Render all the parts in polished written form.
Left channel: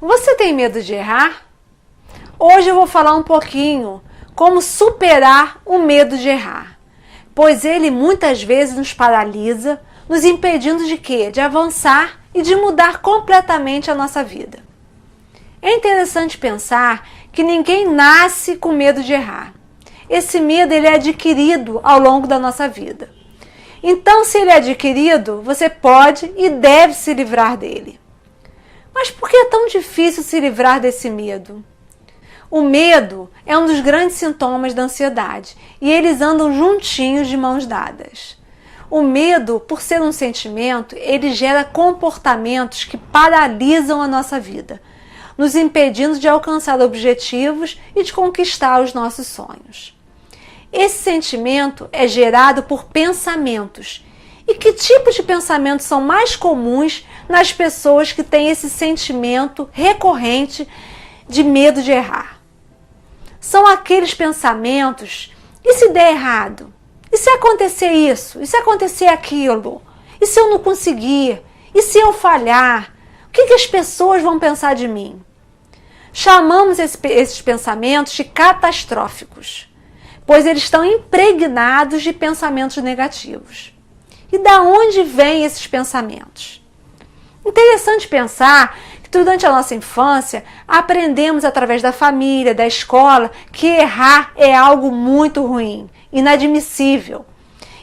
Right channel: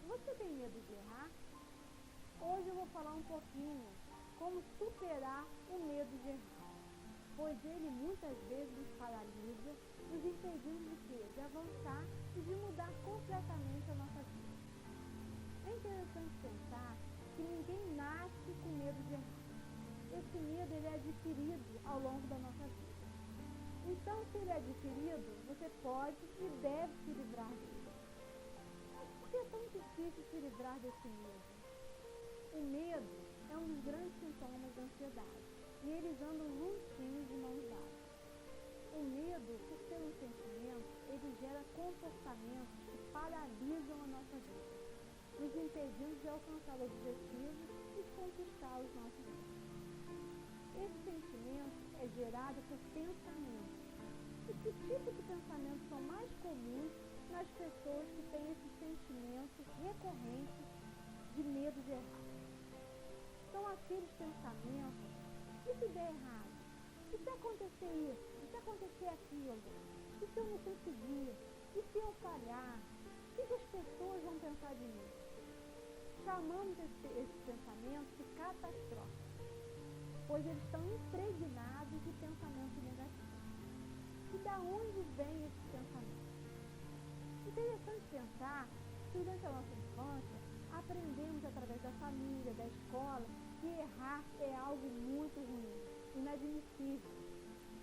Você tem medo de errar? Hoje eu vou falar um pouquinho como superar o medo de errar, pois ele muitas vezes nos paralisa, nos impedindo de quê? De avançar e de mudar completamente a nossa vida. É interessante pensar que ninguém nasce com medo de errar. Esse medo ele é adquirido ao longo da nossa vida. Então, se ele é adquirido, você pode e deve se livrar dele. Mas por que é tão difícil se livrar desse medo? O medo é um dos grandes sintomas da ansiedade e eles andam juntinhos de mãos dadas. O medo, por ser um sentimento, ele gera comportamentos que paralisam a nossa vida, nos impedindo de alcançar objetivos e de conquistar os nossos sonhos. Esse sentimento é gerado por pensamentos. E que tipo de pensamentos são mais comuns nas pessoas que têm esse sentimento recorrente de medo de errar? São aqueles pensamentos: e se der errado? E se acontecer isso? E se acontecer aquilo? E se eu não conseguir? E se eu falhar? O que as pessoas vão pensar de mim? Chamamos esses pensamentos de catastróficos, pois eles estão impregnados de pensamentos negativos. E da onde vêm esses pensamentos? Interessante pensar que durante a nossa infância aprendemos através da família, da escola, que errar é algo muito ruim, inadmissível.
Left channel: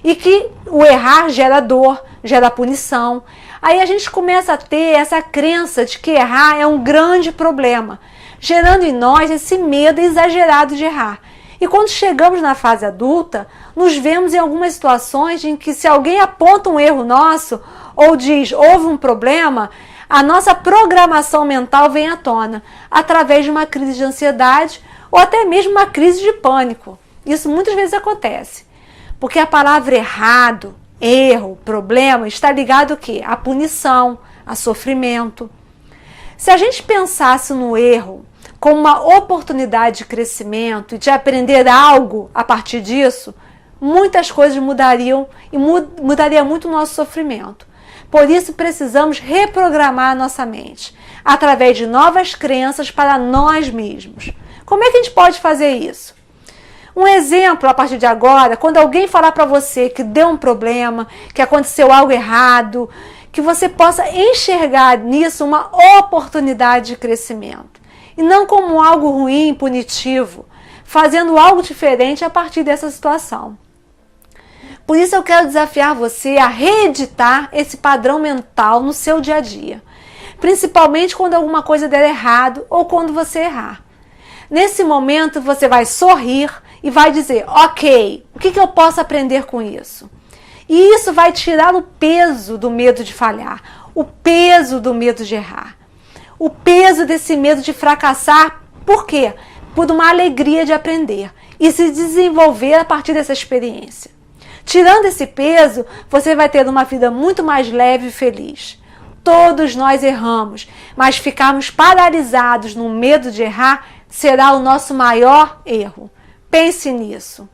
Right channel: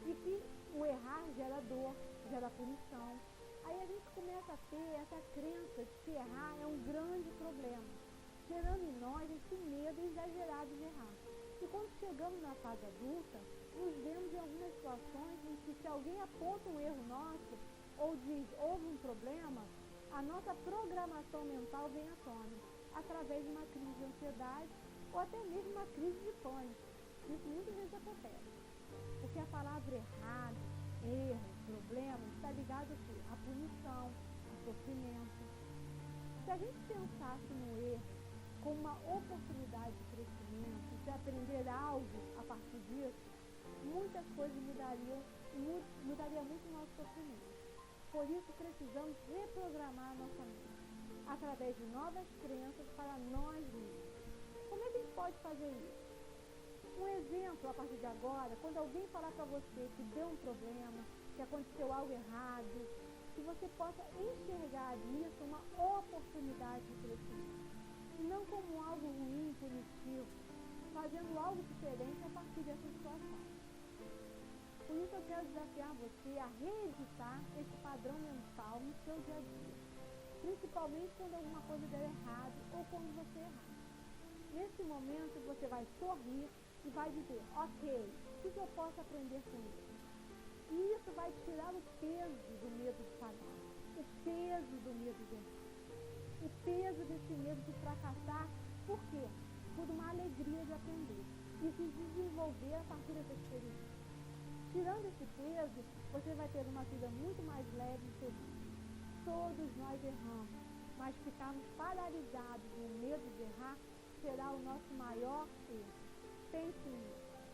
E que o errar gera dor, gera punição. Aí a gente começa a ter essa crença de que errar é um grande problema, gerando em nós esse medo exagerado de errar. E quando chegamos na fase adulta, nos vemos em algumas situações em que, se alguém aponta um erro nosso ou diz houve um problema, a nossa programação mental vem à tona através de uma crise de ansiedade ou até mesmo uma crise de pânico. Isso muitas vezes acontece, porque a palavra errado, erro, problema está ligado ao quê? À punição, a sofrimento. Se a gente pensasse no erro como uma oportunidade de crescimento e de aprender algo a partir disso, muitas coisas mudariam e mudaria muito o nosso sofrimento. Por isso precisamos reprogramar a nossa mente, através de novas crenças para nós mesmos. Como é que a gente pode fazer isso? Um exemplo a partir de agora: quando alguém falar para você que deu um problema, que aconteceu algo errado, que você possa enxergar nisso uma oportunidade de crescimento. E não como algo ruim, punitivo, fazendo algo diferente a partir dessa situação. Por isso eu quero desafiar você a reeditar esse padrão mental no seu dia a dia, principalmente quando alguma coisa der errado ou quando você errar. Nesse momento você vai sorrir e vai dizer: ok, o que eu posso aprender com isso? E isso vai tirar o peso do medo de falhar, o peso do medo de errar. O peso desse medo de fracassar. Por quê? Por uma alegria de aprender e se desenvolver a partir dessa experiência. Tirando esse peso, você vai ter uma vida muito mais leve e feliz. Todos nós erramos, mas ficarmos paralisados no medo de errar será o nosso maior erro. Pense nisso.